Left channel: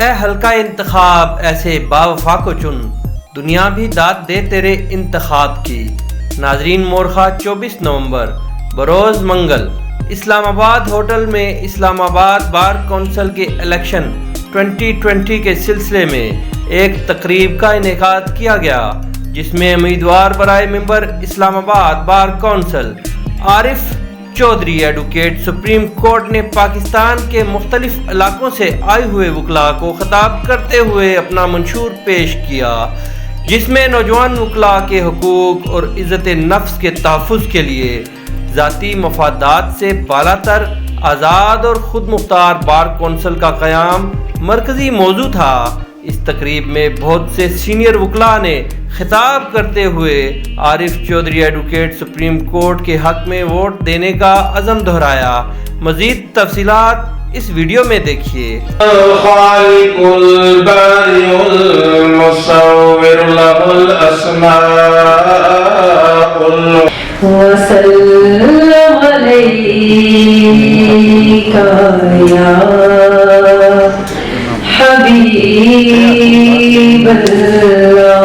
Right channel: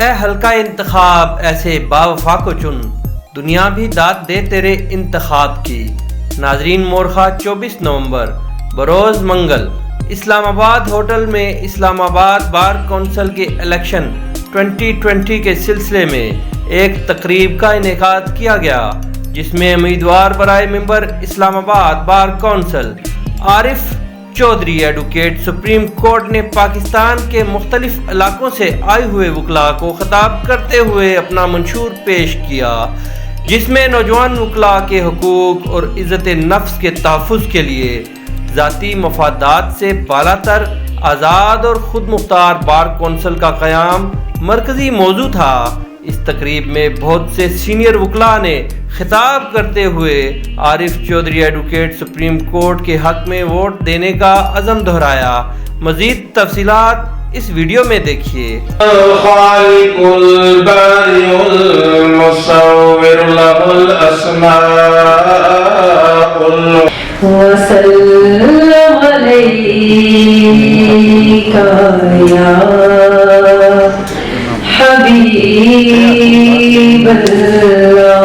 اے حلقہ انتخاب ایسے باوفا کو چن، دنیا بھی داد دے تیرے انتخاب کی۔ ناظرین، مورخہ 24 نومبر بروز منگل اسلام آباد ہوٹل میں اسلام آباد بار کونسل کے الیکشن 2020 کے سلسلے میں ایک تقریب کا انعقاد کیا گیا، جس میں امیدوار برائے ممبر اسلام آباد بار کونسل عارف چودھری ایڈوکیٹ سپریم کورٹ نے پاکستان کے مختلف علاقوں سے آئے ہوئے وکلاء کو خطاب کرتے ہوئے اپنا منشور پیش کیا، جس میں نوجوان وکلاء کے حقوق اور عزت نفس کے تحفظ کے لیے ذاتی مفادات سے بالا تر آزاد اور خود مختار بار کونسل کا قیام مرکزی موضوع تھا۔ اس تقریب میں بہت سے سینئر وکلاء نے خطاب کرتے ہوئے عارف چودھری ایڈوکیٹ سپریم کورٹ کے حق میں ووٹ دینے کا عزم دہرایا۔ مزید تفصیلات اس ویڈیو میں دیکھیے۔ الخالق البارئ المصور له الاسماء وسلم عليك يا حبیب اللہ۔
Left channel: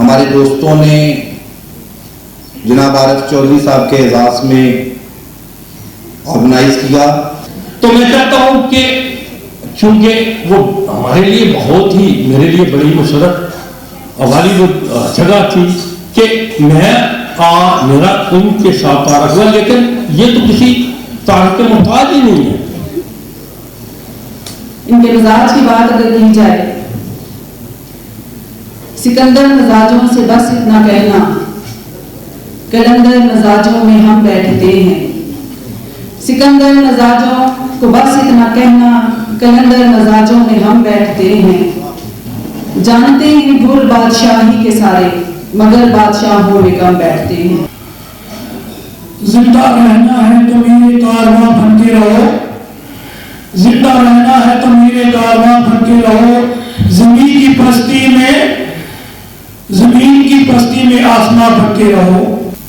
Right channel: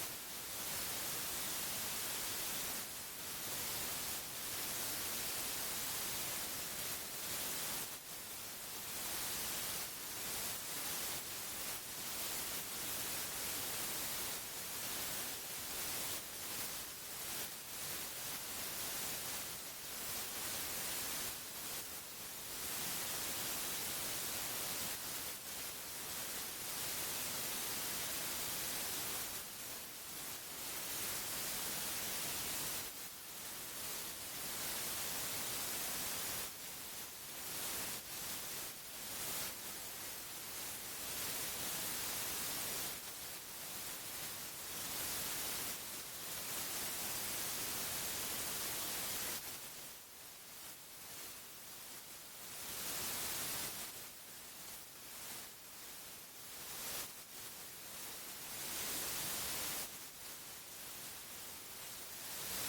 ہمارے دوستوں نے جناب عارف چودھری صاحب کے اعزاز میں آرگنائز کیا، تو میں چاہتا ہوں کہ چونکہ وہ ہمارے لیے بہت ہی میرے لیے بڑی مسرت والی وہ جگہ تھی کہ میں میرا ان کے ساتھ تعارف ہوا، لیکن یہ تو کسی تعارف کے محتاج ہی نہیں ہے۔ ان کے مزاج کی بات اگر کی جائے، سکندر مزاجوں سے بس اتنا کہنا، کلندر مزاجوں میں ہم بیٹھتے ہیں۔ سکندر مزاجوں کو بس اتنا کہنا، کلندر مزاجوں میں ہم بیٹھتے ہیں۔ جانتے ہیں گل بادشاہی کے سارے، مگر بادشاہوں میں کم بیٹھتے ہیں۔ زندہ رہنا ہے تو میرے کارواں بنتے رہو، زندہ رہنا ہے تو میرے کارواں بنتے رہو، زمین کی پستی میں آسمان بنتے رہو۔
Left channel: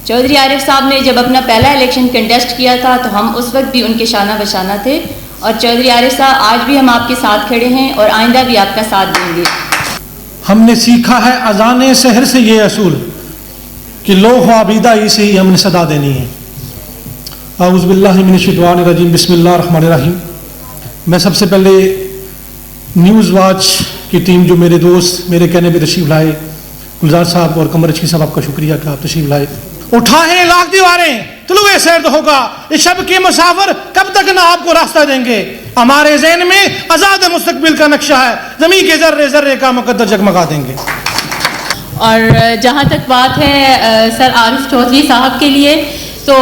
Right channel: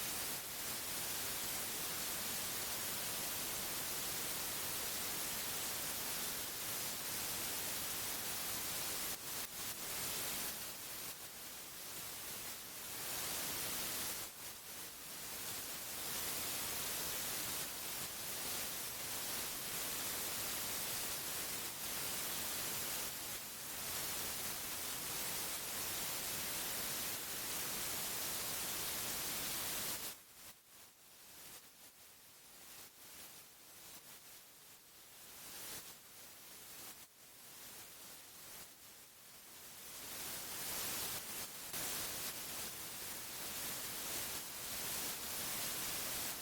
چودھری عارف صاحب نے جب اپنا پہلا الیکشن کنٹیسٹ کیا تھا تو ہم اس وقت بھی ان کے شانہ بشانہ تھے، اور چودھری عارف صاحب آج بھی ہم آپ کے ساتھ کھڑے ہیں اور آئندہ بھی آپ کا ساتھ دیں گے۔ ہم نے سیکھا ہے اذان سحر سے یہ اصول کہ لوح و عبیدہ ہی سے ہی ہم نے صدا دینی ہے۔ اعوذ باللہ من الشیطان الرجیم، بسم اللہ الرحمن الرحیم۔ میں سب سے پہلے نیوز واچ کی ٹیم، جو میرے دوست میرے کہنے پہ تشریف لائے، گلزار صاحب اور قمر رشید صاحب، آپ کا شکریہ کہ آپ تشریف لائے۔ اٹھائیں لاکھ دیواریں طلوع سرد ہوگا، اس شب کے مسافر کب تک نہ آپ کو راستہ دیں گے۔ ہمارے ذہن میں آزاد مستقبل کا نقشہ ہے، زمین کے ذرے ذرے کا مقدر جگمگا دیں گے۔ اور جہاں تک بات ہے سر عارف چودھری صاحب کے لیے، تو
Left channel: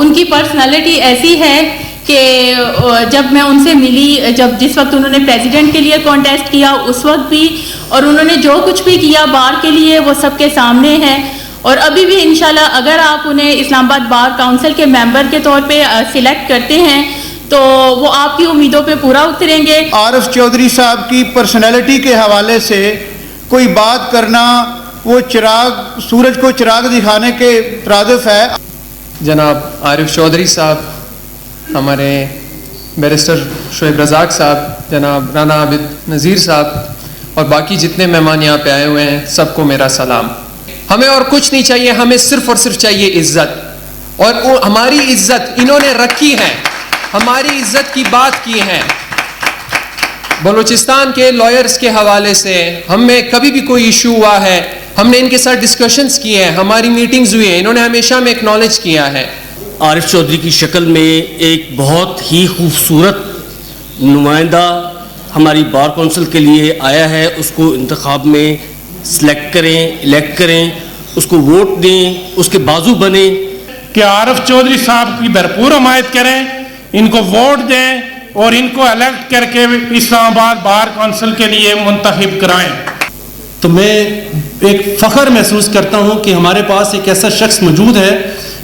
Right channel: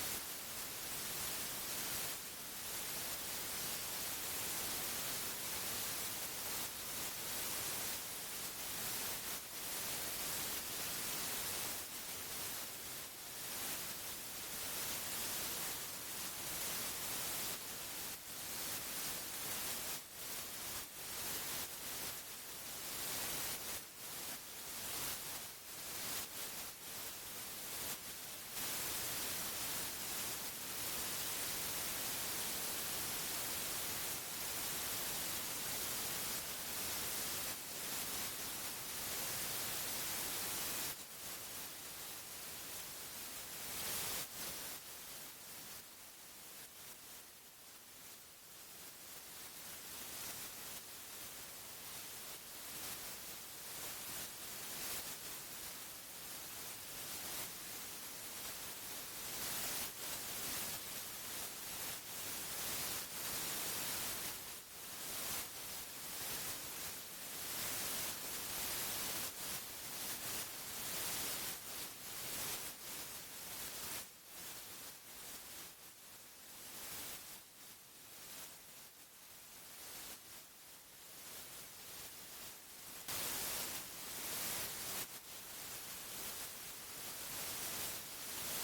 ان کی پرسنالٹی ایسی ہے کہ جب میں ان سے ملی، جس وقت انہوں نے پریزیڈنٹ کے لیے کانٹیسٹ کیا اس وقت بھی، اور انہوں نے جو کچھ بھی کیا بار کے لیے وہ سب کے سامنے ہے، اور ابھی بھی انشاءاللہ اگر آپ انہیں اسلام آباد بار کونسل کے ممبر کے طور پہ سلیکٹ کرتے ہیں تو وہ آپ کی امیدوں پہ پورا اتریں گے۔ عارف چودھری صاحب کی پرسنالٹی کے حوالے سے کوئی بات کرنا وہ سورج کو چراغ دکھانے کے ترادف ہے۔ جناب عارف چودھری صاحب، ہمارے بیرسٹر شعیب رزاق صاحب، جناب رانا عابد نذیر صاحب اور باقی جتنے مہمان یہاں پہ آئے ہوئے ہیں، سب کو میرا سلام۔ ہمیں اور کچھ نہیں چاہیے، ہمیں صرف اور صرف چاہیے عزت، اور ہماری عزت انہوں نے رکھی ہے، ہماری عزت کی بات کی ہے۔ بلوچستان کے لائرز کے حوالے سے ہمیں کبھی بھی کوئی ایشو ہوا ہے، ہم نے ان کے ساتھ ڈسکشنز کیے ہیں، ہماری میٹنگز ہوئی ہیں، انہوں نے ہمیشہ ہمیں اکنالج کیا ہے۔ عارف چودھری کی شکل میں ایک بہت ہی خوبصورت نمائندہ ہماری بار کونسل کے لیے آیا ہے، اس کو انتخاب میں سلیکٹ کریں، الیکٹ کریں، اس کو ووٹ دیں، اس کے بازو بنیں کہ عارف چودھری صاحب کی بھرپور حمایت کریں، ان کو ووٹ دیں اور ان کو الیکٹ کر کے اسلام آباد بار کونسل کے لیے منتخب کرائیں۔ تو میں ایک فخر محسوس کرتا ہوں کہ ہمارے پاس ایک ایسا شخص موجود ہے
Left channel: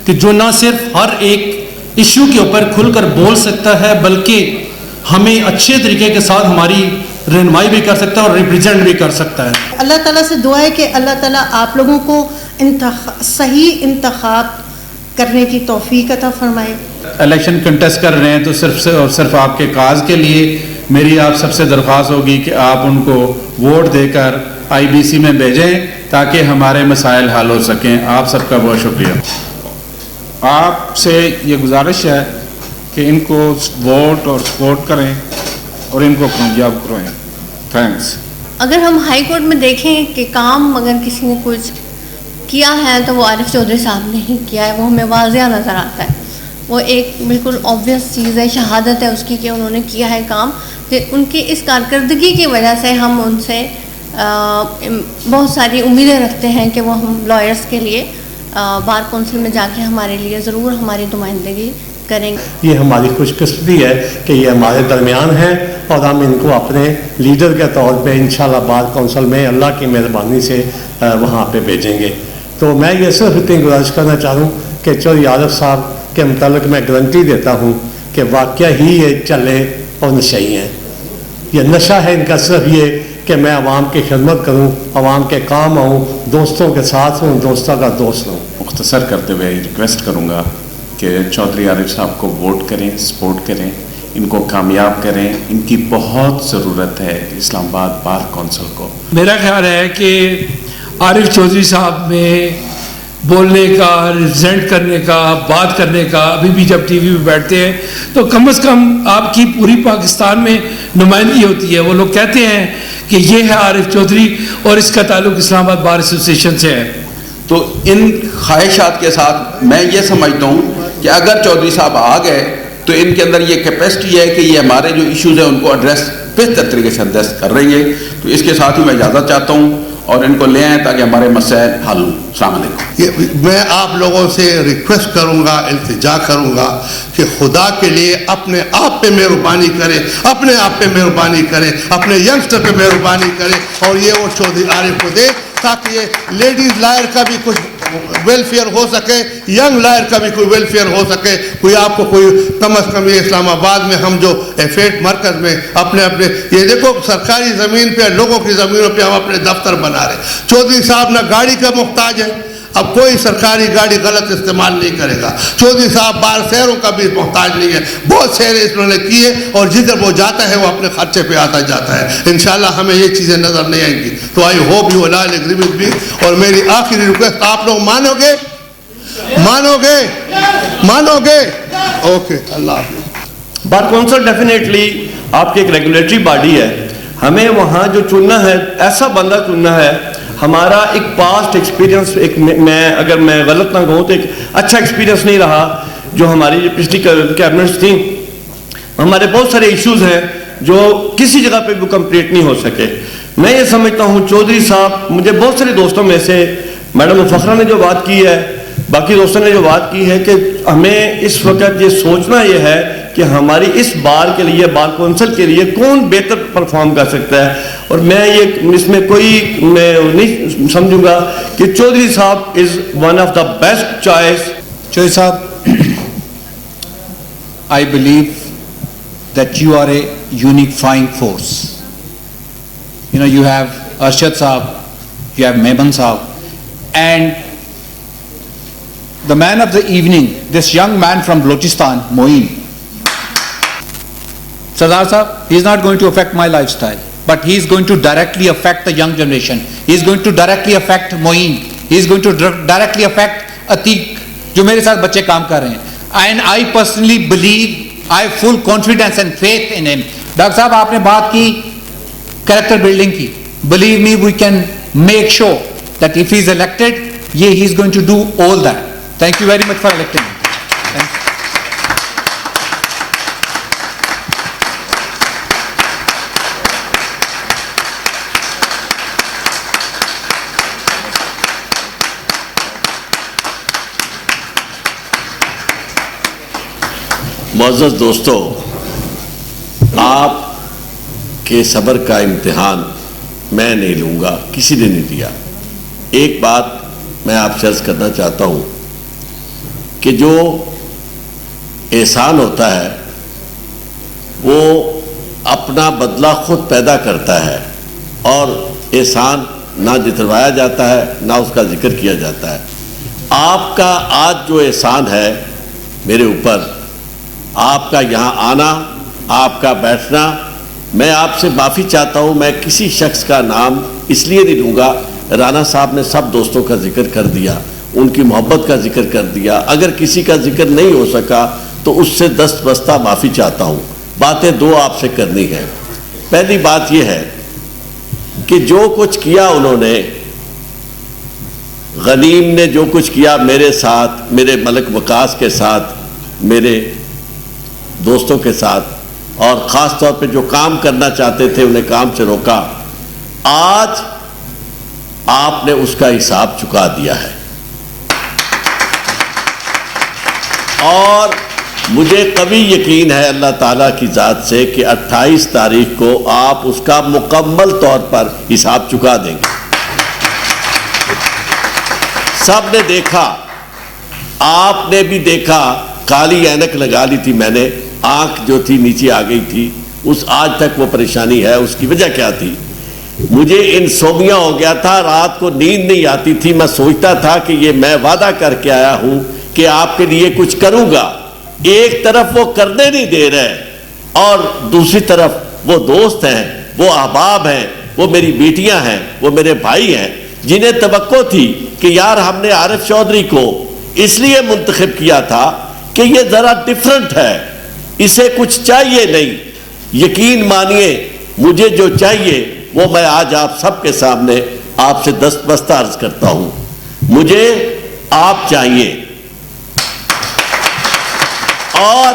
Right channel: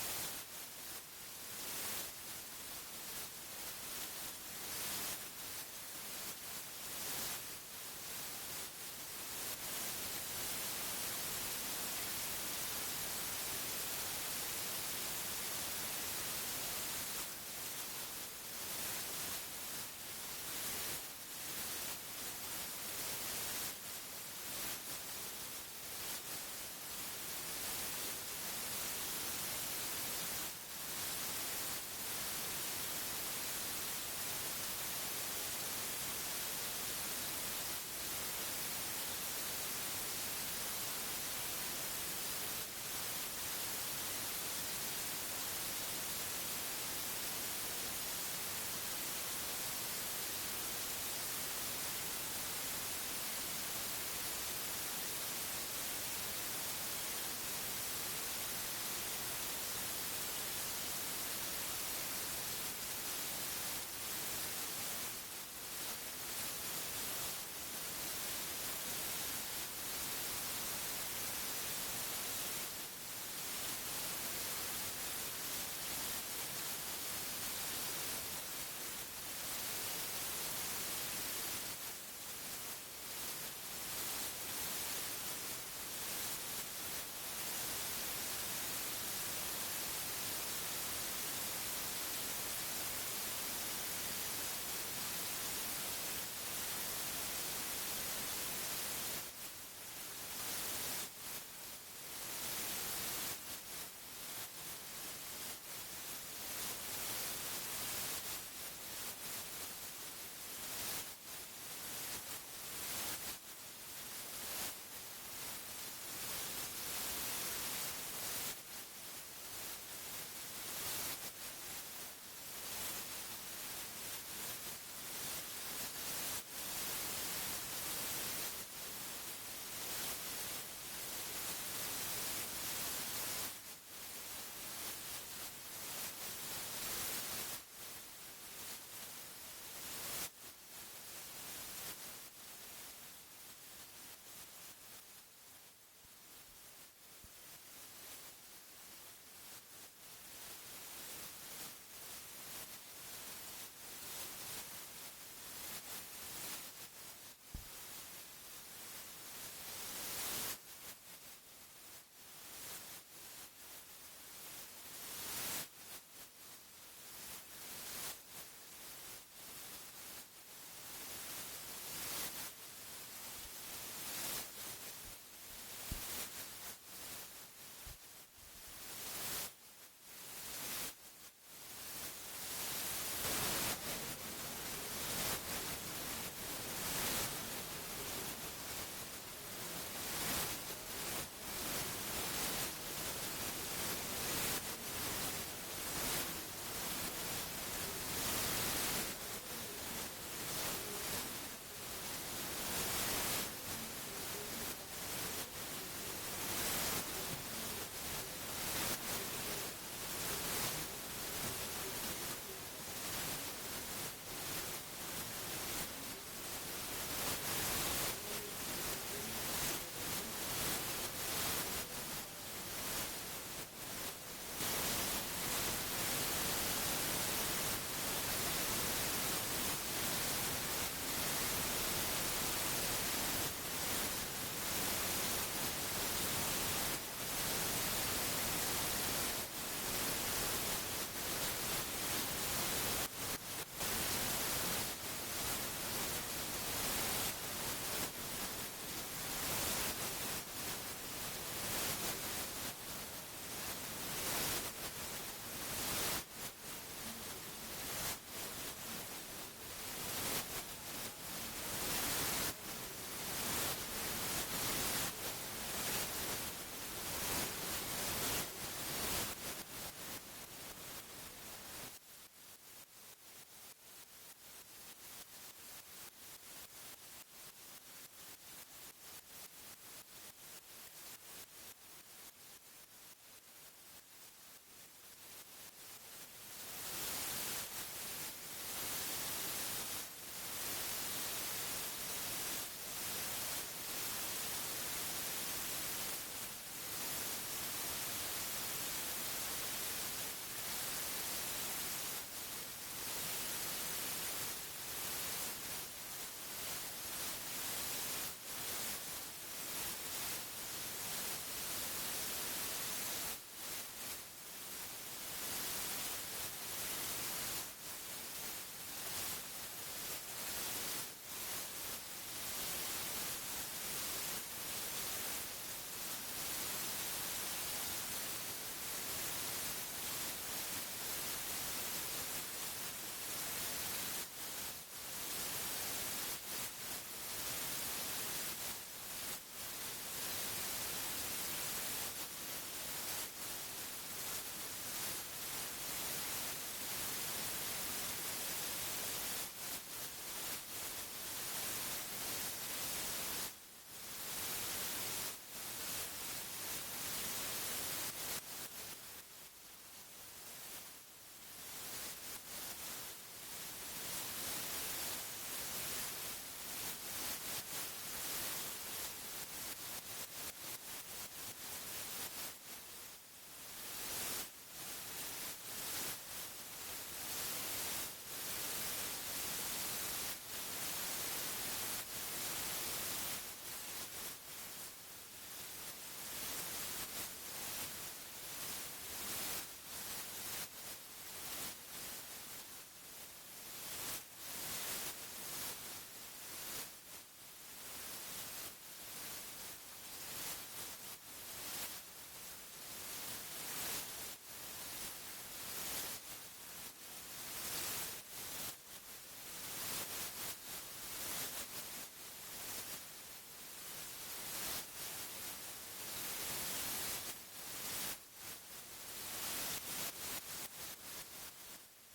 کہ جو نہ صرف ہر ایک ایشو کے اوپر کھل کر بول سکتا ہے، بلکہ ہمیں اچھے طریقے کے ساتھ ہماری رہنمائی بھی کر سکتا ہے اور ریپریزنٹ بھی کر سکتا ہے۔ اللہ تعالیٰ سے دعا ہے کہ اللہ تعالیٰ آپ لوگوں کو صحیح انتخاب کرنے کی توفیق عطا فرمائے۔ الیکشن کنٹیسٹ کر رہے ہیں تو صرف اور صرف آپ کے کاز کے لیے، میری آپ سب سے درخواست ہوگی کہ آپ ان کو ووٹ دے کر IBC میں بھیجیں تاکہ ہمارے مسائل حل ہو سکیں. آپ سب کا بہت شکریہ. آپ سے یہ گزارش ہے کہ ان کو ووٹ اور سپورٹ کریں اور ان کو کامیاب کرائیں. تھینکس. اگر ہم ہائی کورٹ میں دیکھیں کہ کام اگر کسی نے کچھ کیا ہے تو وہ عارف چودھری صاحب نے ہی کیا ہے، وہ ہمیں واضح نظر آتا ہے. وہ ایک بالکل آبویس چیز ہے، شہادت ہے اس کی کہ انہوں نے کیا ہے کام. ان کی اس کارکردگی کی وجہ سے ہم ان سے بہت ساری امیدیں رکھتے ہیں کہ وہ ہم لائرس کے لیے بار کونسل میں جا کے ہمارے لیے ضرور ہماری نمائندگی کریں گے. یہ ہماری خوش قسمتی ہے کہ یہ ہمارے درمیان ہیں اور ہم ان کو اپنے لیڈر کے طور پہ انشاءاللہ بار کونسل میں اللہ کی مہربانی سے وہاں پہ بھیجیں گے. تو میں یہ صرف اتنی گزارش کرنا چاہوں کہ چودھری عارف صاحب کے متعلق میں گارنٹی دیتا ہوں کہ واقعہ ہی یہ چلے اور نشئی ہیں. یہ نشہ ہے ان کا صرف یہ کہ میں عوام کی خدمت کروں، عوام کے کام آؤں، دوستوں کے ساتھ ہوں، دوستوں کا دوست ہوں. مختصر کرتے ہوئے ریکویسٹ کروں گا کہ چودھری عارف صاحب کو ووٹ کریں، سپورٹ کریں، ان کو کامیاب کریں. ان کی بہت ضرورت ہے اسلام آباد بار کونسل کو. میرا خیال ہے کہ عارف چودھری صاحب میں بولنے کا، ریپرزینٹ کرنے کا، بات کرنے کا، ابھی بھی جب ٹی وی پہ بیٹھتے ہیں تو کم از کم آپ کی پوری پاکستان میں نمائندگی ہوتی ہے. وہ لوگ کہتے ہیں کہ یہ ہے عارف چودھری اور اس کا تعلق اسلام آباد بار ایسوسیشن سے ہے. تو ان خواہشات کے ساتھ میں یہ سمجھتا ہوں کہ اگر چودھری صاحب آ گئے تو ان کے اندر یہ کیپیسٹی ہے کہ یہ ہمارے جو ایشوز ہیں ان کو ایڈریس بہتر طریقے سے ایڈریس کر رہیں گے. تو اس کے ساتھ ہی میں اجازت چاہتا ہوں اور ان کو لے آئیں تاکہ ہمارے مسائل حل ہوں. السلام علیکم. میں آپ لوگوں سے ریکویسٹ کروں گا، التجا کروں گا کہ خدا کے لیے اپنے آپ پہ مہربانی کریں، اپنے آپ پہ مہربانی کریں، اپنے ینگسٹر پہ مہربانی کریں اور یہ وہ چودھری عارف کو دے تاکہ یہ لیڈیز لائر کا بھی کچھ ویلفیئر ہو سکے، ینگ لائر کا بھی کوئی ویلفیئر ہو سکے. کوئی آپ کو کوئی کم از کم یہ اسلام آباد میں ہم جو ایفیٹ مرکز میں اپنے یہ دیکھو سرکاری زمین پہ، لوگوں کی زمینوں پہ ہم اپنے دفتر بنا رہے. چودھری صاحب نہ گاڑی کا محتاج ہے، اب کوئی سرکاری گاڑی غلط استعمال نہیں کرے گا. چودھری صاحب بار شہروں کا بھی محتاج نہیں ہے، بہت شہریں انہوں نے کیے اور جدھر وہ جاتا ہے وہ اپنے خرچے پہ آتا جاتا ہے. انشاءاللہ ہمیں یہ چیزیں نظر نہیں آئیں گی. تو I hope you will agree with me. اور میری آخری ریکویسٹ، آپ لوگ مانو گے؟ اوکے، اللہ حافظ. بار کونسل ڈیفینیٹلی آپ کی ایک ریگولیٹری باڈی ہے. ہمیں وہاں جو چننا ہے ایسا بندہ چننا ہے. ہمارا ایک پاسٹ ایکسپیرینس، اگر میں غلط نہ کہوں تو ایک اچھا ایکسپیرینس نہیں رہا. جو ہماری جو پچھلی کیبنٹس تھیں، ہمارے بہت سارے ایشوز ہیں جو کسی جگہ پہ بھی کمپلیٹ نہیں ہو سکے. میں یہ سمجھتا ہوں چودھری صاحب، مجھے بہت سارے دوستوں میں سے میڈم فخرہ نے جو بات کی ہے، باقی دوستوں نے جو بات کی ہے کہ ہمیں اس وقت یہ سوچنا یہ ہے کہ ہماری اس بار کے لیے، بار کونسل کے لیے کون بہتر پرفارم کر سکتا ہے. اور میں یہ اس میں میں نہیں سمجھوں گا کہ چودھری صاحب is one of the best choice. Chaudhary صاحب، I believe that you are a unifying force. You know, you have Arshad Saab, you have Mehman Saab, and the man of the evening, this young man from Balochistan, Moeen. Sardar Saab, he is not going to affect my lifestyle, but he is going to directly affect the young generation. He is going to directly affect Moeen. He is going to directly affect Atiq, جو میرے ساتھ بچے کام کر رہے ہیں. And I personally believe, I have full confidence and faith in him. Doctor صاحب، آپ نے بات کی کریکٹر بلڈنگ کی. Believe me, we can make sure that if he is elected, he is going to do all that. Thank you very much for electing him. Thank you. معزز دوستو، آپ کے صبر کا امتحان میں نہیں لوں گا، کسی نے نہیں دیا. ایک بات میں آپ سے عرض کرنا چاہتا ہوں کہ جو احسان ہوتا ہے وہ اپنا بدلہ خود پیدا کرتا ہے، اور احسان نہ جتوایا جاتا ہے نہ اس کا ذکر کیا جاتا ہے. آپ کا آج جو احسان ہے میرے اوپر، آپ کا یہاں آنا، آپ کا بیٹھنا، میں آپ سے معافی چاہتا ہوں، میں کسی شخص کا نام اس لیے نہیں لوں گا، رانا صاحب نے سب دوستوں کا ذکر کر دیا، ان کی محبت کا ذکر کر دیا، اگر کسی کا ذکر نہیں ہو سکا تو اس سے دست بستہ معافی چاہتا ہوں۔ باتیں دو آپ سے کرنی ہیں۔ پہلی بات یہ ہے کہ جو کچھ کیا انہوں نے، غنیم نے جو کچھ کیا میرے ساتھ، میرے ملک وقاص کے ساتھ، میرے دوستوں کے ساتھ، اور خاص طور پہ جو کام کرنا چاہتے تھے انہیں کام سے روکا، آج آپ نے اس کا حساب چکا دیا ہے۔ اور مجھے قوی یقین ہے اللہ تعالیٰ کی ذات سے کہ 28 تاریخ کو آپ اس کا مکمل طور پر حساب چکا دیں گے۔ سب نے دیکھا، آپ نے بھی دیکھا، کالی اینک لگا لی تھی میں نے، آنکھ جو تھی نیچے آ گئی تھی، اس آج تک وہ پریشانی ہے۔ اس کی وجہ کیا تھی؟ مجھے انسومیا ہو گیا تھا، رات کو نیند نہیں آتی تھی، میں سوچتا تھا کہ یہ میں وعدہ کر کے آیا ہوں کہ آپ کے لیے کچھ کروں گا، ایک طرف وہ کرنے نہیں دے رہے اور دوسری طرف وہ دوست ہیں، وہ احباب ہیں، وہ میری بیٹیاں ہیں، وہ میرے بھائی ہیں، جنہیں توقع تھی کہ یار ہم نے عارف چودھری کو اس لیے منتخب کیا تھا کہ یہ ذرا ڈیفرنٹ ہے، اسے کچھ چاہیے نہیں۔ یقین مانیے مجھے جو چاہیے وہ میں آج آپ سب کے سامنے آپ سے دست بستہ عرض کرتا ہوں۔ مجھے آپ چاہیے اور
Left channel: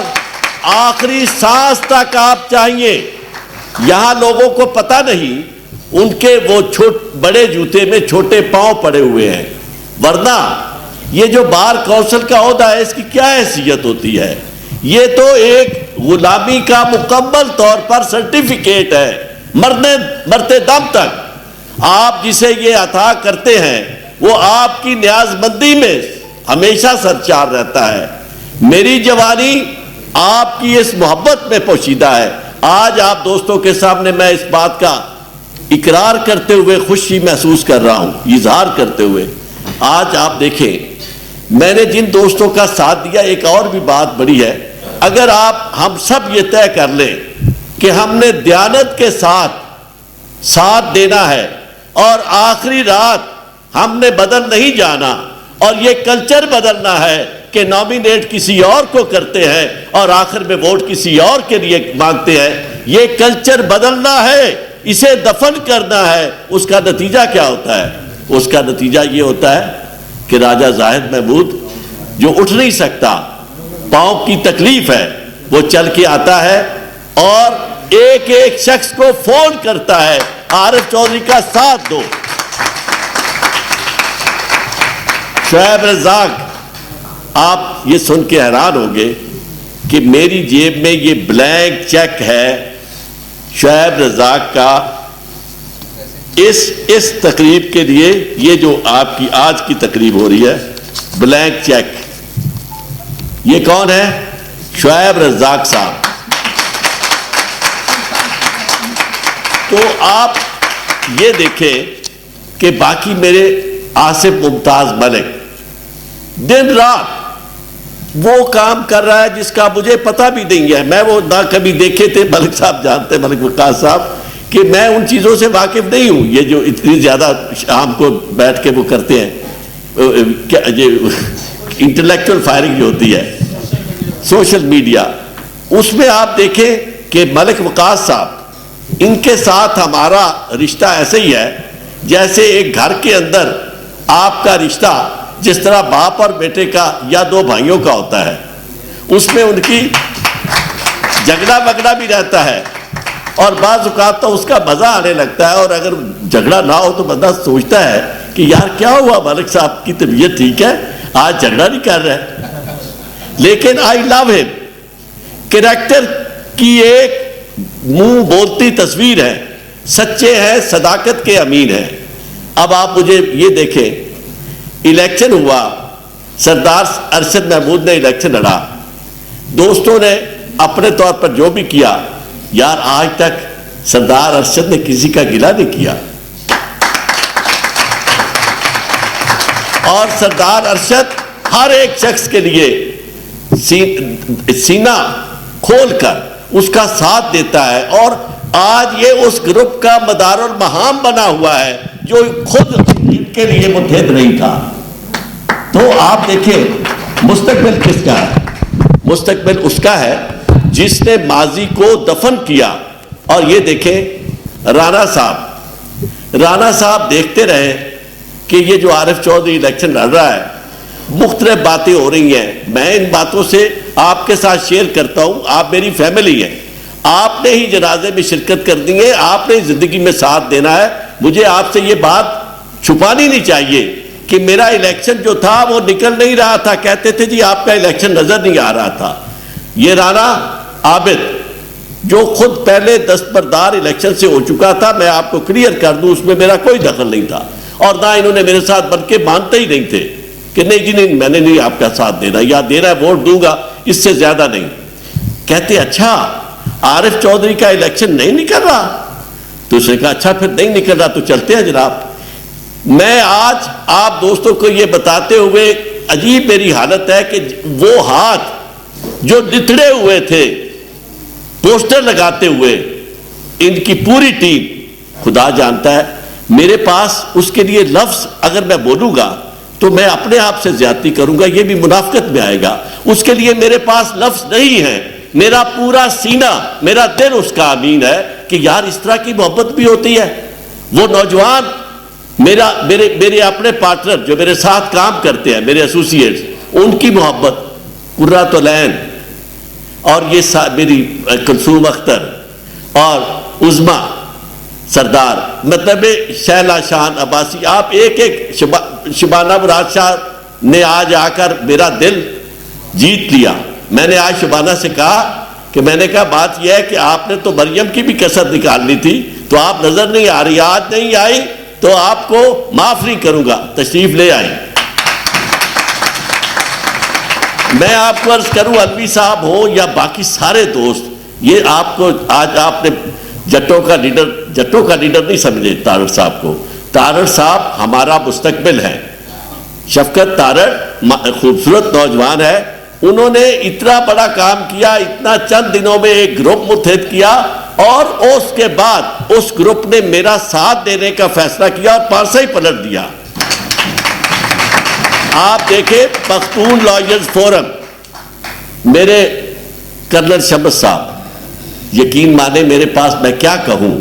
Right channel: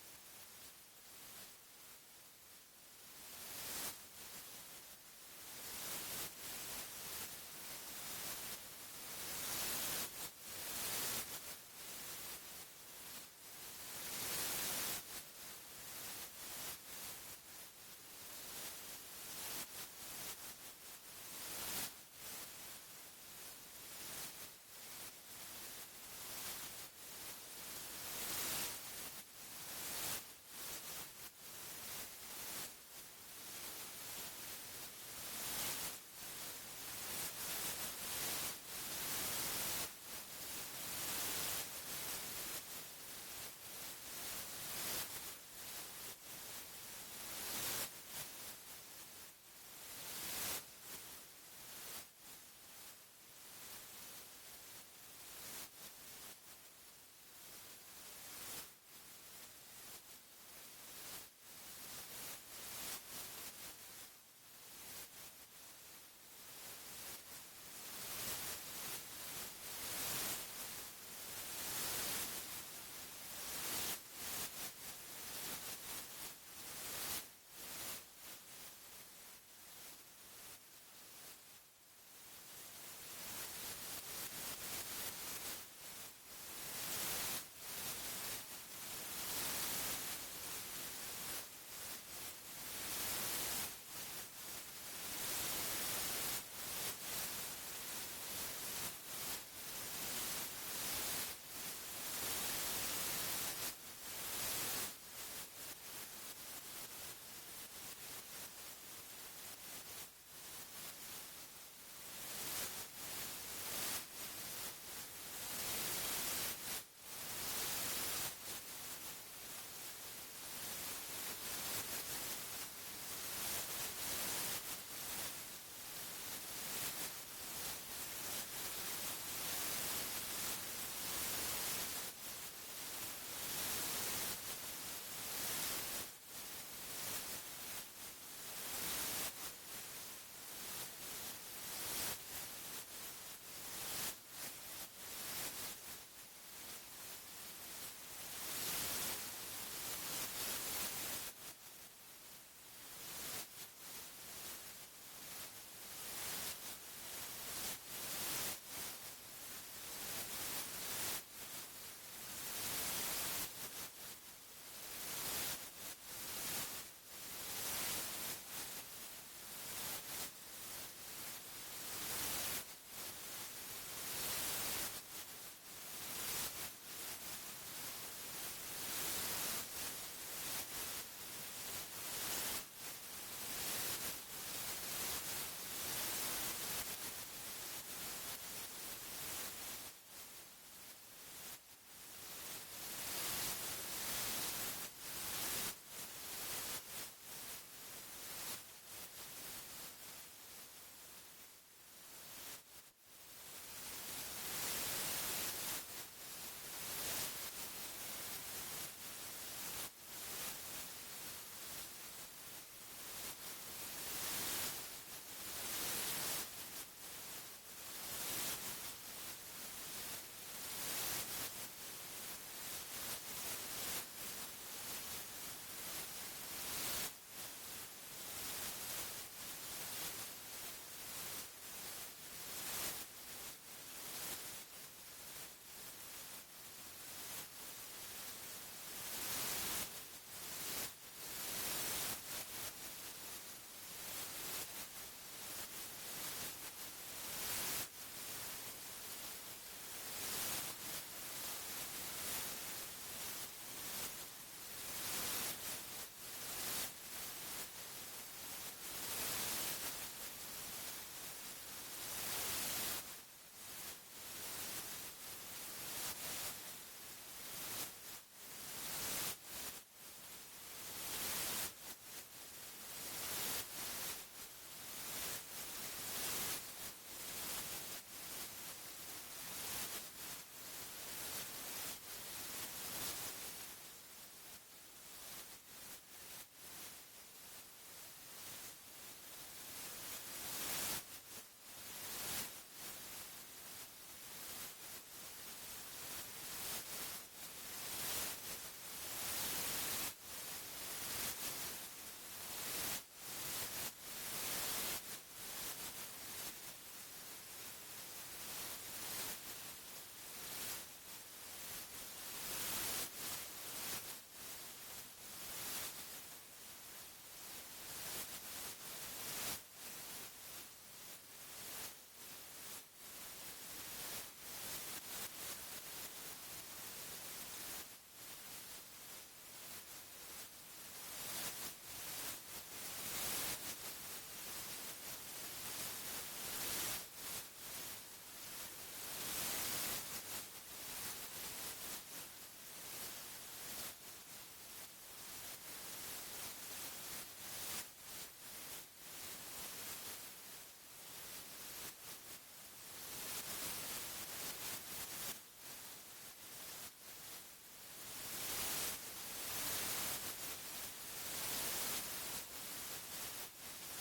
آخری سانس تک آپ چاہیے۔ یہاں لوگوں کو پتہ نہیں، ان کے وہ بڑے جوتے میں چھوٹے پاؤں پڑے ہوئے ہیں، ورنہ یہ جو بار کونسل کا عہدہ ہے اس کی کیا حیثیت ہوتی ہے؟ یہ تو ایک غلامی کا مکمل طور پر سرٹیفکیٹ ہے، مرتے دم تک آپ جسے یہ عطا کرتے ہیں وہ آپ کی نیاز مندی میں ہمیشہ سرچار رہتا ہے۔ میری جوانی آپ کی اس محبت میں پوشیدہ ہے۔ آج آپ دوستوں کے سامنے میں اس بات کا اقرار کرتے ہوئے خوشی محسوس کر رہا ہوں، اظہار کرتے ہوئے۔ آج آپ دیکھیں میں نے جن دوستوں کا ساتھ دیا، ایک اور بھی بات بڑی ہے، اگر ہم سب یہ طے کر لیں کہ ہم نے دیانت کے ساتھ دینا ہے اور آخری رات ہم نے بدل نہیں جانا، اور یہ کلچر بدلنا ہے کہ نامینیٹ کسی اور کو کرتے ہیں اور آخر میں ووٹ کسی اور کے لیے مانگتے ہیں، یہ کلچر بدلنا ہے، اسے دفن کرنا ہے۔ اس کا نتیجہ کیا ہوتا ہے؟ اس کا نتیجہ یہ ہوتا ہے کہ راجہ زاہد محمود جو اٹھ نہیں سکتا، پاؤں کی تکلیف ہے، وہ چل کے آتا ہے اور ایک ایک شخص کو فون کرتا ہے، عارف چودھری کا ساتھ دو۔ شعیب رزاق، آپ یہ سن کے حیران ہوگے کہ میری جیب میں یہ بلینک چیک ہے شعیب رزاق کا اس تقریب کے لیے، یہ جو آپ کی آج کی تقریب ہو رہی ہے، بلینک چیک، یہ کون ہے؟ شعیب رزاق صاحب۔ تو آپ یہ دیکھیں کہ باقی میرے آصف ممتاز ملک دن رات وہ کام کر رہا ہے جس کا مجھے پتہ بھی نہیں ہے، میں وہ نہ کبھی دیکھے تھے، ملک صاحب جانتے، ملک وقاص صاحب، کہ میں ان چیزوں سے واقف نہیں ہوں، یہ جو اتنی زیادہ شام کو بیٹھ کے وہ کرتے ہیں، انٹلیکچوئل فائرنگ جو ہوتی ہے سوشل میڈیا، اس میں آپ دیکھیں کہ ملک وقاص صاحب، ان کے ساتھ ہمارا رشتہ ایسے ہی ہے جیسے ایک گھر کے اندر آپ کا رشتہ جس طرح باپ اور بیٹے کا یا دو بھائیوں کا ہوتا ہے، اس میں ان کی جھگڑا وگڑا بھی رہتا ہے، اور بعض اوقات تو اس کا مزہ آنے لگتا ہے، اور اگر جھگڑا نہ ہو تو بندہ سوچتا ہے کہ یار کیا ہوا، ملک صاحب کی طبیعت ٹھیک ہے، آج جھگڑا نہیں کر رہے، لیکن آئی لو ہم، کریکٹر کی ایک منہ بولتی تصویر ہے، سچے ہیں، صداقت کے امین ہیں۔ اب آپ مجھے یہ دیکھیں، الیکشن ہوا، سردار ارشد محمود نے الیکشن لڑا، دوستوں نے اپنے طور پر جو بھی کیا، یار آج تک سردار ارشد نے کسی کا گلہ نہیں کیا، اور سردار ارشد ہر ایک شخص کے لیے سینہ کھول کر اس کا ساتھ دیتا ہے، اور آج یہ اس گروپ کا مدار المہام بنا ہوا ہے جو خود ان کے لیے متحد نہیں تھا. تو آپ دیکھیں مستقبل کس کا ہے؟ مستقبل اس کا ہے جس نے ماضی کو دفن کیا. اور یہ دیکھیں رانا صاحب دیکھتے رہے کہ یہ جو عارف چودھری الیکشن لڑ رہا ہے مختلف باتیں ہو رہی ہیں. میں ان باتوں سے آپ کے ساتھ شیئر کرتا ہوں. آپ میری فیملی ہیں, آپ نے ہی جنازے میں شرکت کرنی ہے, آپ نے زندگی میں ساتھ دینا ہے. مجھے آپ سے یہ بات چھپانی نہیں چاہیے کہ میرا الیکشن جو تھا وہ نکل نہیں رہا تھا. کہتے تھے جی آپ کا الیکشن نظر نہیں آ رہا تھا. یہ رانا عابد جو خود پہلے دستبردار الیکشن سے ہو چکا تھا, میں آپ کو کلیئر کر دوں, اس میں میرا کوئی دخل نہیں تھا. اور نہ انہوں نے میرے ساتھ بن کے مانتے ہی نہیں تھے کہ نہیں جی نہیں, میں نے نہیں آپ کا ساتھ دینا, یا دینا ہے ووٹ دوں گا, اس سے زیادہ نہیں. کہتے اچھا عارف چودھری کا الیکشن نہیں نکل رہا؟ تو اس نے کہا اچھا پھر نہیں نکل رہا تو چلتے ہیں جناب. میں آج آپ دوستوں کو یہ بتاتے ہوئے عجیب میری حالت ہے کہ وہ ہاتھ جو نتڑے ہوئے تھے پوسٹر لگاتے ہوئے, ان کی پوری ٹیم, خدا جانتا ہے میرے پاس اس کے لیے لفظ اگر میں بولوں گا تو میں اپنے آپ سے زیادتی کروں گا, یہ بھی منافقت میں آئے گا. اس کے لیے میرے پاس لفظ نہیں ہے. میرا پورا سینہ, میرا دل اس کا امین ہے کہ یار اس طرح کی محبت بھی ہوتی ہے. وہ نوجوان میرے اپنے پارٹنر جو میرے ساتھ کام کرتے ہیں, میرے ایسوسیٹس, ان کی محبت, قرۃ العین اور یہ میری کلثوم اختر اور عظما سردار, مطلب شہلا شان عباسی, آپ ایک شبانہ مراد شاہ نے آج آ کر میرا دل جیت لیا. میں نے آج شبانہ سے کہا کہ میں نے کہا بات یہ ہے کہ آپ نے تو مریم کی بھی کسر نکالنی تھی, تو آپ نظر نہیں آ رہی, آج نہیں آئی تو آپ کو معاف نہیں کروں گا, تشریف لے آئیں. میں آپ کو عرض کروں علوی صاحب ہو یا باقی سارے دوست, یہ آپ کو آج آپ نے جٹوں کا لیڈر نہیں سمجھے تارڑ صاحب کو. تارڑ صاحب ہمارا مستقبل ہے. شفقت تارڑ خوبصورت نوجوان ہے, انہوں نے اتنا بڑا کام کیا, اتنا چند دنوں میں ایک گروپ متحد کیا, اور اس کے بعد اس گروپ نے میرا ساتھ دینے کا فیصلہ کیا اور پانسا ہی پلٹ دیا. آپ دیکھیں پختون لائرز فورم, میرے کرنل شمس صاحب, یقین مانے میرے پاس میں کیا کہوں,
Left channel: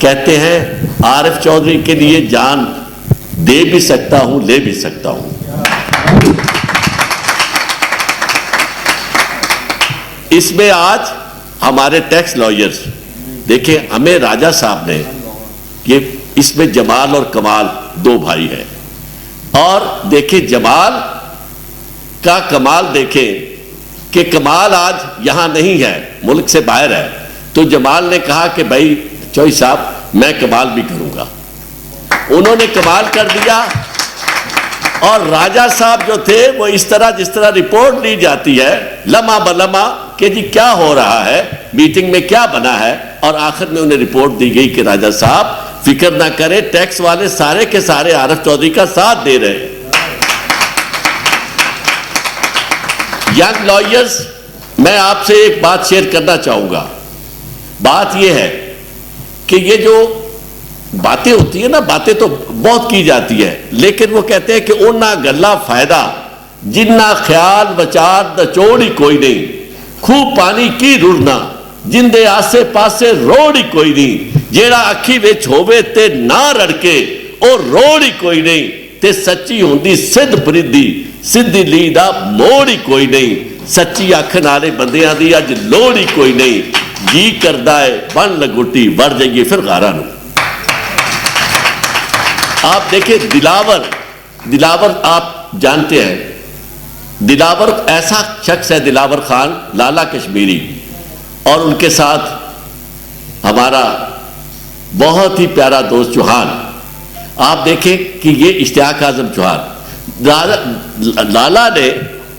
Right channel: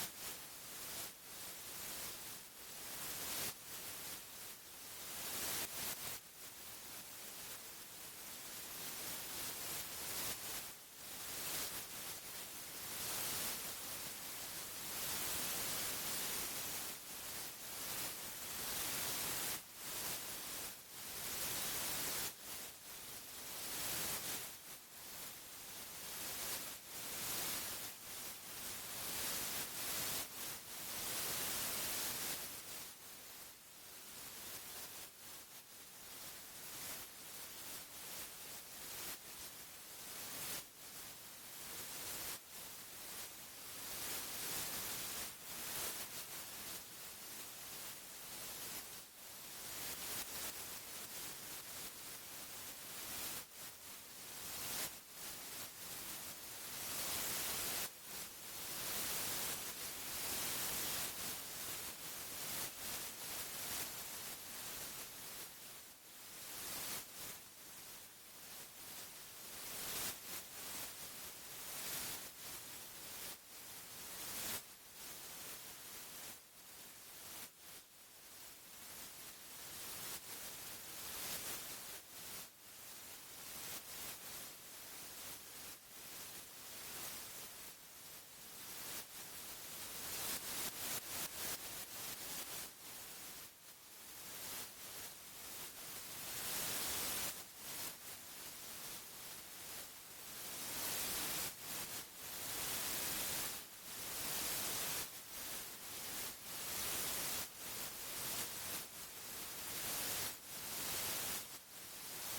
کہتے ہیں عارف چودھری کے لیے جان دے بھی سکتا ہوں, لے بھی سکتا ہوں. اس میں آج ہمارے ٹیکس لائرز دیکھیں, ہمیں راجہ صاحب نے, یہ اس میں جمال اور کمال دو بھائی ہیں, اور دیکھیں جمال کا کمال دیکھیں کہ کمال آج یہاں نہیں ہے, ملک سے باہر ہے. تو جمال نے کہا کہ بھائی چوئی صاحب میں کمال بھی کروں گا, انہوں نے کمال کر دیا. اور راجہ صاحب جو تھے وہ اس طرح جس طرح رپورٹ لی جاتی ہے لمحہ بلمحہ کہ جی کیا ہو رہا ہے, میٹنگ میں کیا بنا ہے, اور آخر میں انہیں رپورٹ دی گئی کہ راجہ صاحب فکر نہ کرے, ٹیکس والے سارے کے سارے عارف چودھری کا ساتھ دے رہے ہیں. ینگ لائرز, میں آپ سے ایک بات شیئر کرنا چاہوں گا. بات یہ ہے کہ یہ جو باتیں ہوتی ہیں نا, باتیں تو بہت کی جاتی ہے, لیکن وہ کہتے ہیں کہ اُنہ گلہ فائدہ جنہ خیال بچار دچوڑی کوئی نہیں, خوب پانی کی رڑنا جن دے آسے پاسے روڑی کوئی نہیں, جیڑا اکھی وچ ہووے تے نہ رڑکے اور روڑی کوئی نہیں, تے سچی ہوندی سدھ پردی سدھی لی دا موڑی کوئی نہیں, سچی اکھ نالے بندیاں دی اج لوڑی کوئی نہیں, جی کردہ ہے بن لگوٹی وڑ جائیے پھر غارہ نو. آپ دیکھیں دلاور آپ جانتے ہیں, دلاور ایسا شخص ہے, دلاور خان لالا کشمیری, اور ان کے ساتھ ہمارا بہت ہی پیارا دوست چوہان. آپ دیکھیں کہ یہ اشتیاق اعظم چوہان, لالا نے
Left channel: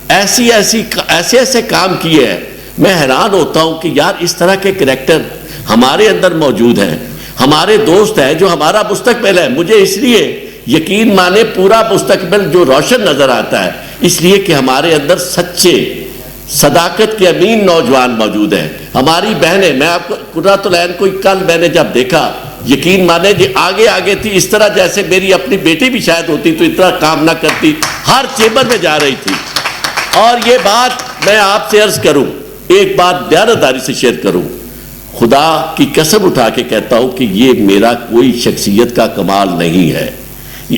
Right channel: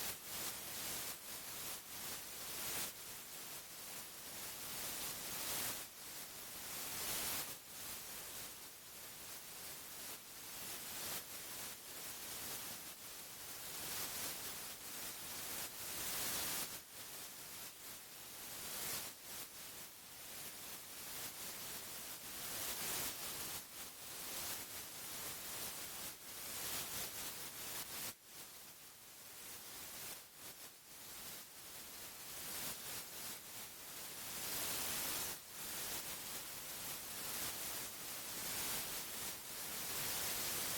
ایسے کام کیے ہیں, میں حیران ہوتا ہوں کہ یار اس طرح کے کریکٹر ہمارے اندر موجود ہیں, ہمارے دوست ہیں جو ہمارا مستقبل ہے. مجھے اس لیے یقین مانے پورا مستقبل جو روشن نظر آتا ہے, اس لیے کہ ہمارے اندر صداقت کے امین نوجوان موجود ہیں. ہماری بہنیں, میں آپ کو قرۃ العین کو کل میں نے جب دیکھا, یقین مانے جی آگے آگے تھی, اس طرح جیسے میری اپنی بیٹی بھی شاید ہوتی تو اتنا کام نہ کرتی, ہر چیمبر میں جا رہی تھی. اور یہ بات میں آپ سے عرض کروں, ایک بات دیانتداری سے شیئر کروں, خدا کی قسم اٹھا کے کہتا ہوں کہ یہ میرا کوئی شخصیت کا کمال نہیں ہے.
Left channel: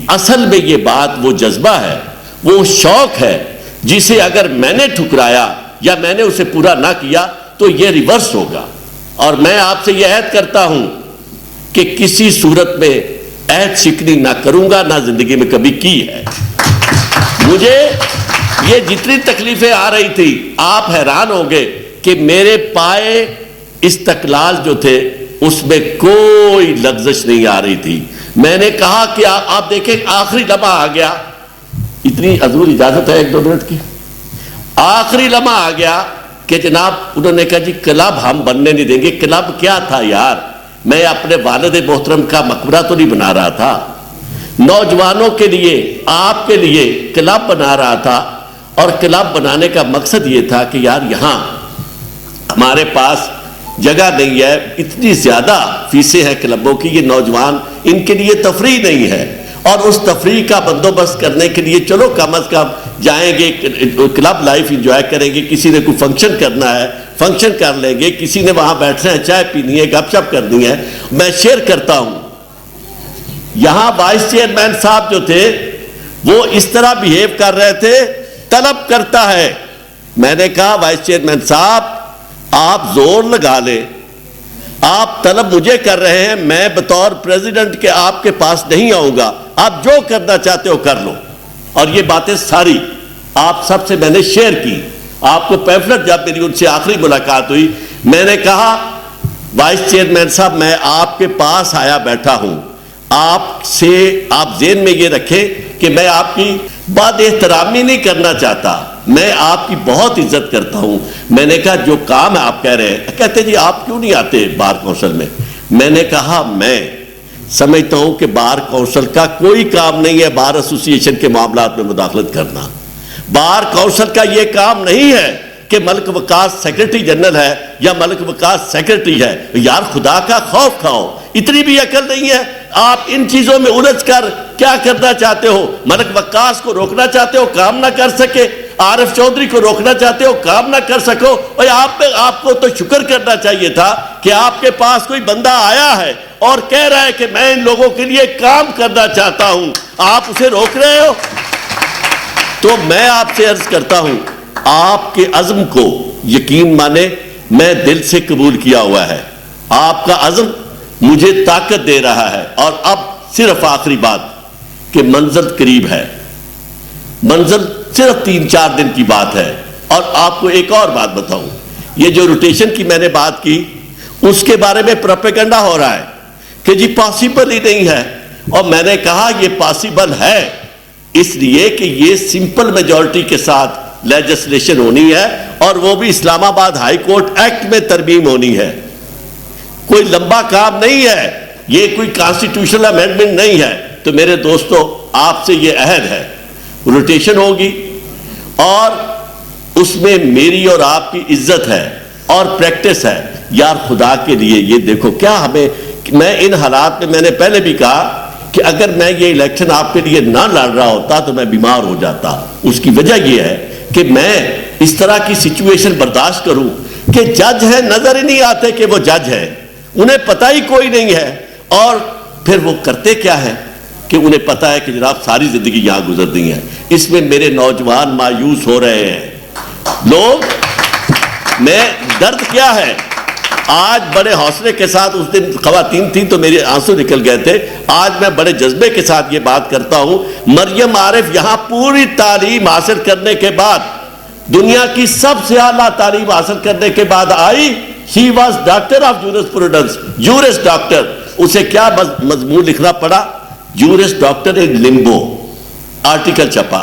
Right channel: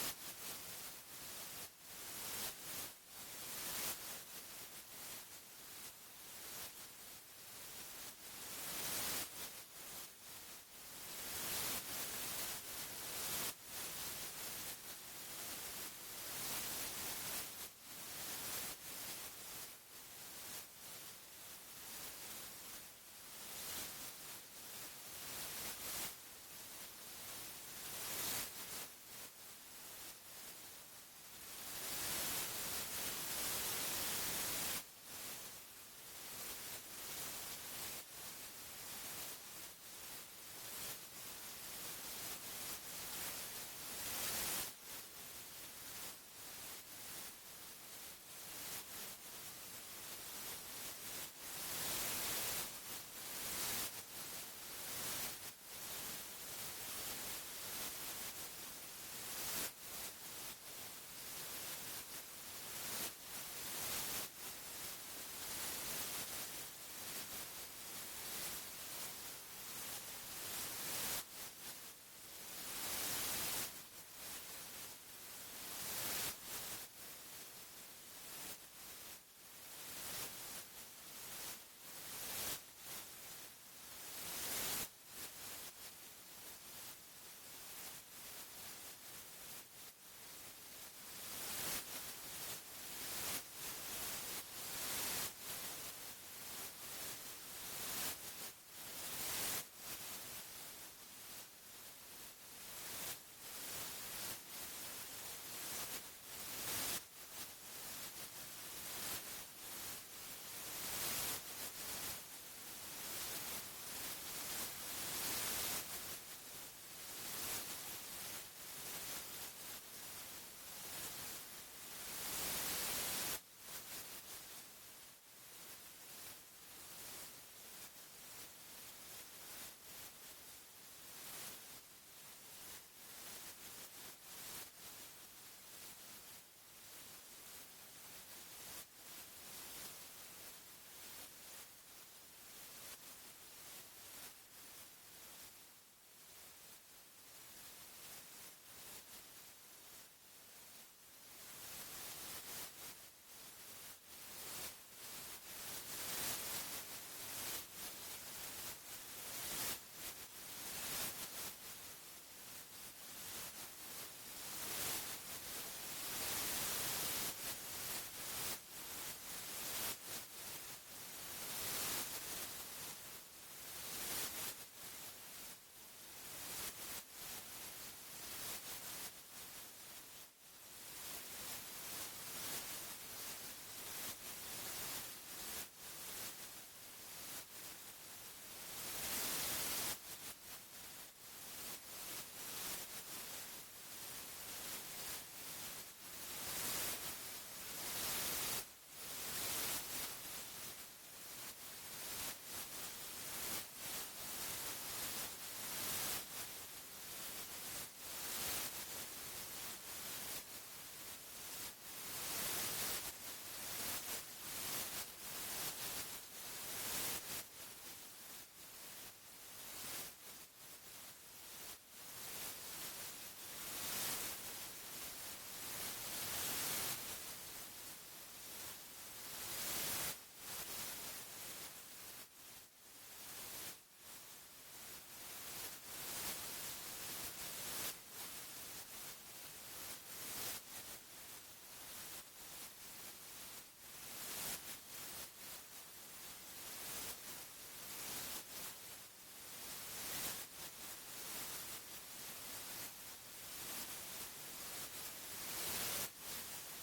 اصل میں یہ بات وہ جذبہ ہے, وہ شوق ہے, جسے اگر میں نے ٹھکرایا یا میں نے اسے پورا نہ کیا تو یہ ریورس ہوگا. اور میں آپ سے یہ عہد کرتا ہوں کہ کسی صورت میں عہد شکنی نہ کروں گا, نہ زندگی میں کبھی کی ہے. مجھے یہ جتنی تکلیفیں آ رہی تھی, آپ حیران ہوں گے کہ میرے پائے استقلال جو تھے اس میں کوئی لغزش نہیں آ رہی تھی. میں نے کہا کہ آپ دیکھیں آخری لمحہ آ گیا, اتنی حضور اجازت ہے 1-2 منٹ کی, آخری لمحہ آ گیا کہ جناب انہوں نے کہا جی کلب ہم بننے نہیں دیں گے. کلب کیا تھا یار, میں اپنے والد محترم کا مقبرہ تو نہیں بنا رہا تھا, نوجوانوں کے لیے, آپ کے لیے کلب بنا رہا تھا. اور کلب بنانے کا مقصد یہ تھا کہ یار یہاں ہمارے پاس جگہ نہیں ہے, اتنی زیادہ فیسیں ہیں کلبوں کی, یہ نوجوان ان کے لیے تفریح نہیں ہے, اور اس تفریح کا بندوبست کرنے کے لیے چلو کم از کم جائیں گے, کلب لائف انجوائے کریں گے. کسی نے کوئی فنکشن کرنا ہے فنکشن کر لیں گے, کسی نے وہاں بیٹھنا ہے, چائے پینی ہے, گپ شپ کرنی ہے. میں شیئر کرتا ہوں, یہاں وائس چیئرمین صاحب جو تھے وہ اس طرح بیہیو کر رہے تھے, طلب کرتا ہے. میں نے کہا وائس چیئرمین صاحب آپ زور لگا لیں, آپ طلب مجھے کر رہے ہیں, میں بطور پریزیڈنٹ کے آپ کے پاس نہیں آؤں گا, آپ جو کرنا چاہتے ہو کر لو. اور یہ باتیں ساری آپ سب سے میں نے شیئر کی. آپ کو پیمفلٹ جب میری ان سے آخری ملاقات ہوئی, میں نے کہا وائس چیئرمین صاحب میں آپ کے پاس آیا بیٹھا ہوں, آپ سے آپ ذہن میں یہ رکھیں کہ میں آپ کی بات احترامی نہیں کرنا چاہتا, میں آپ کی بہت عزت کرتا ہوں. میں نے کہا جو کام آپ کہہ رہے ہیں, کہتے جی آپ کیوں نہیں آتے بار کونسل میں. میں نے کہا میں سمجھتا ہوں کہ بار کونسل کا کوئی کام نہیں ہے بار ایسوسی ایشن کے معاملات میں مداخلت کرنا. بار کونسل کا یہ کام نہیں ہے کہ ملک وقاص سیکرٹری جنرل ہے یا ملک وقاص سیکرٹری ہے. یار خدا کا خوف کھاؤ, اتنی بھی عقل نہیں ہے. آپ ان چیزوں میں الجھ کر کیا کرنا چاہتے ہو, ملک وقاص کو روکنا چاہتے ہو, کام نہ کر سکے, عارف چودھری کو روکنا چاہتے ہو, کام نہ کر سکو. اور آپ کو تو شکر کرنا چاہیے تھا کہ آپ کے پاس کوئی بندہ آیا ہے اور کہہ رہا ہے کہ میں ان لوگوں کے لیے کام کرنا چاہتا ہوں, آپ اسے روک رہے ہو. تو میں آپ سے عرض کرتا ہوں, آپ کے عزم کو یقین مانے میں دل سے قبول کیا ہوا ہے. آپ کا عزم مجھے طاقت دے رہا ہے. اور اب صرف آخری بات کہ منزل قریب ہے, منزل صرف 3-4 دن کی بات ہے. اور آپ کو ایک اور بات بتاؤں, یہ جو روٹیشن کی میں نے بات کی اس کے بارے میں پروپیگنڈا ہو رہا ہے کہ جی پاسیبل ہی نہیں ہے. اور میں نے کہا یہ پاسیبل ہے اس لیے کہ یہ سمپل میجورٹی کے ساتھ لیجسلیشن ہونی ہے, اور وہ بھی اسلام آباد ہائی کورٹ ایکٹ میں ترمیم ہونی ہے. کوئی لمبا کام نہیں ہے, یہ کوئی کانسٹیٹیوشنل امینڈمنٹ نہیں ہے. تو میرے دوستو آپ سے یہ عہد ہے, روٹیشن ہوگی اور اس میں میری اور آپ کی عزت ہے اور پریکٹس ہے. یار خدا کے لیے یہ دیکھو کیا ہمیں, میں ان حالات میں میں نے پہلے بھی کہا کہ اگر میں یہ الیکشن آپ کے لیے نہ لڑ رہا ہوتا تو میں بیمار ہو جاتا. اس کی وجہ یہ ہے کہ میں اس طرح کی سچویشن برداشت کروں کہ جج ہیں, نظر ہی نہیں آتے کہ وہ جج ہیں, انہیں پتہ ہی کوئی نہیں ہے. اور پھر وہ کرتے کیا ہے کہ انہیں پتہ ہے کہ جناب ساری زندگی یہاں گزر دی ہے. اس میں میرے نوجوان مایوس ہو رہے ہیں لوگ. میں درد کیا ہے, آج بڑے حوصلے کے ساتھ, اس دن خواتین تھیں تو میرے آنسو نکل گئے تھے, آج میں بڑے جذبے کے ساتھ یہ بات کرتا ہوں. مریم عارف یہاں پوری تعلیم حاصل کرنے کے بعد, دنیا کی سب سے اعلیٰ تعلیم حاصل کرنے کے بعد آئی. She was doctor of jurisprudence, juris doctor. اسے کیا مضمون لکھنا پڑا, juris doctor in limbo, article چھپا.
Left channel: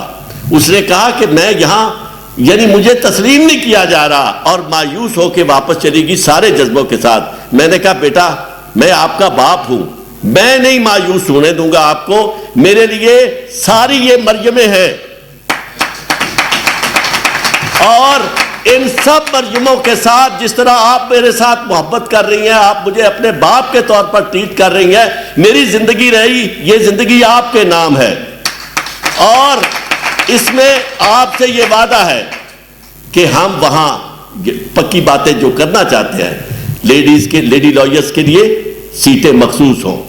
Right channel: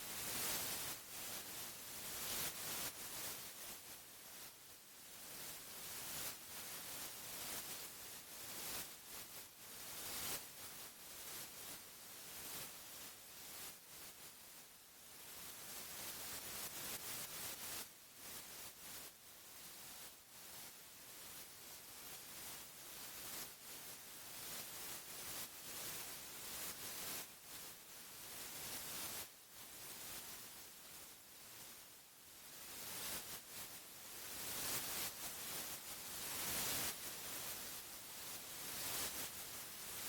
اس نے کہا کہ میں یہاں یعنی مجھے تسلیم نہیں کیا جا رہا, اور مایوس ہو کے واپس چلی گئی سارے جذبوں کے ساتھ. میں نے کہا بیٹا میں آپ کا باپ ہوں, میں نہیں مایوس ہونے دوں گا آپ کو, میرے لیے ساری یہ مریمیں ہیں. اور ان سب مرجموں کے ساتھ جس طرح آپ میرے ساتھ محبت کر رہی ہیں, آپ مجھے اپنے باپ کے طور پر ٹریٹ کر رہی ہیں, میری زندگی رہی, یہ زندگی آپ کے نام ہے. اور اس میں آپ سے یہ وعدہ ہے کہ ہم وہاں پکی باتیں جو کرنا چاہتے ہیں, لیڈی لائرز کے لیے سیٹیں مخصوص ہوں,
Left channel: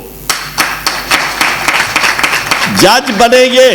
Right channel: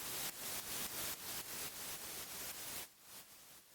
جج بنے گے,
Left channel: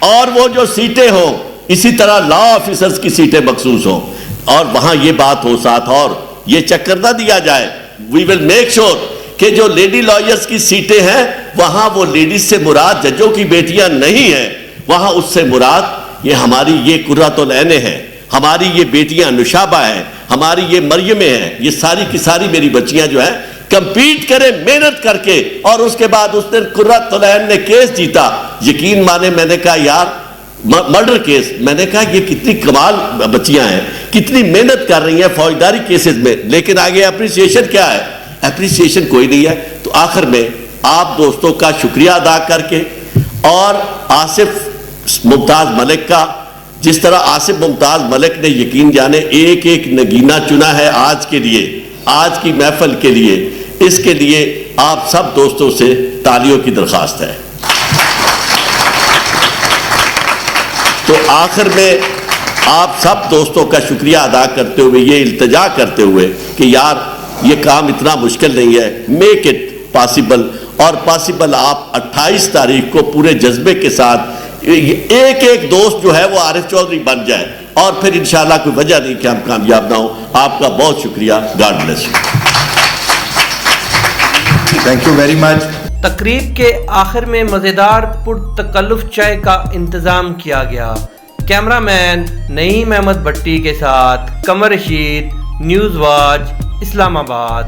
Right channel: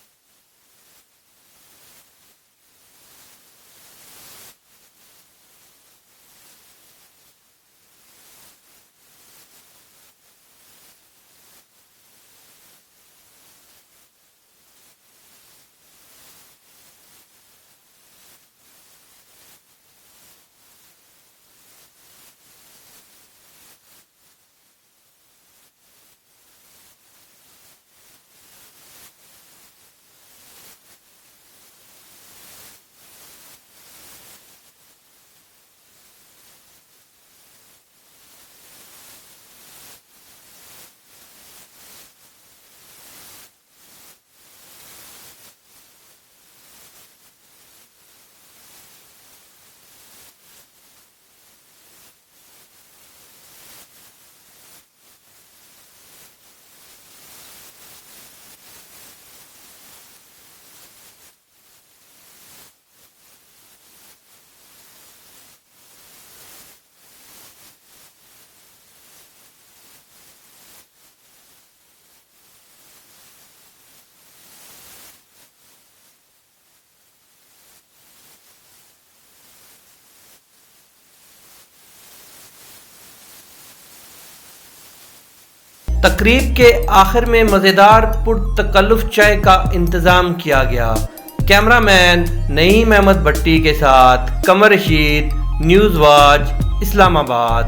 اور وہ جو سیٹیں ہوں اسی طرح لا آفیسرز کی سیٹیں مخصوص ہوں, اور وہاں یہ بات ہو ساتھ, اور یہ چکر نہ دیا جائے. وی ول میک شور کہ جو لیڈی لائرز کی سیٹیں ہیں وہاں وہ لیڈیز سے مراد ججوں کی بیٹیاں نہیں ہیں, وہاں اس سے مراد یہ ہماری یہ قرۃ العین ہیں, ہماری یہ بیٹیاں نشابہ ہیں, ہماری یہ مریمیں ہیں, یہ ساری کی ساری میری بچیاں جو ہیں کمپیٹ کریں محنت کر کے. اور اس کے بعد اس دن قرۃ العین نے کیس جیتا, یقین مانے میں نے کہا یار مرڈر کیس, میں نے کہا یہ کتنی کمال بچیاں ہیں, کتنی محنت کر رہی ہیں فوجداری کیسز میں, لیکن آگے اپریسیشن کیا ہے؟ اپریسیشن کوئی نہیں ہے. تو آخر میں آپ دوستوں کا شکریہ ادا کر کے, اور آصف ممتاز ملک کا, جس طرح آصف ممتاز ملک نے یقین جانے ایک ایک نگینہ چنا ہے آج کے لیے, آج کی محفل کے لیے, اس کے لیے آپ سب دوستوں سے تالیوں کی درخواست ہے. تو آخر میں آپ سب دوستوں کا شکریہ ادا کرتے ہوئے, یہ التجا کرتے ہوئے کہ یار یہ کام اتنا مشکل نہیں ہے, میک اٹ پاسبل, اور پاسبل آپ 28 تاریخ کو پورے جذبے کے ساتھ ایک ایک دوست جو ہے وہ عارف چودھری بن جائے, اور پھر انشاءاللہ کوئی وجہ نہیں کہ ہم کامیاب نہ ہوں. آپ کا بہت شکریہ. God bless you. Thank you very much. تقریب کے آخر میں مزیدار پرتکلف چائے کا انتظام کیا گیا. کیمرہ مین نعیم احمد بھٹی کے ساتھ قمر رشید, نیوز واچ, اسلام آباد.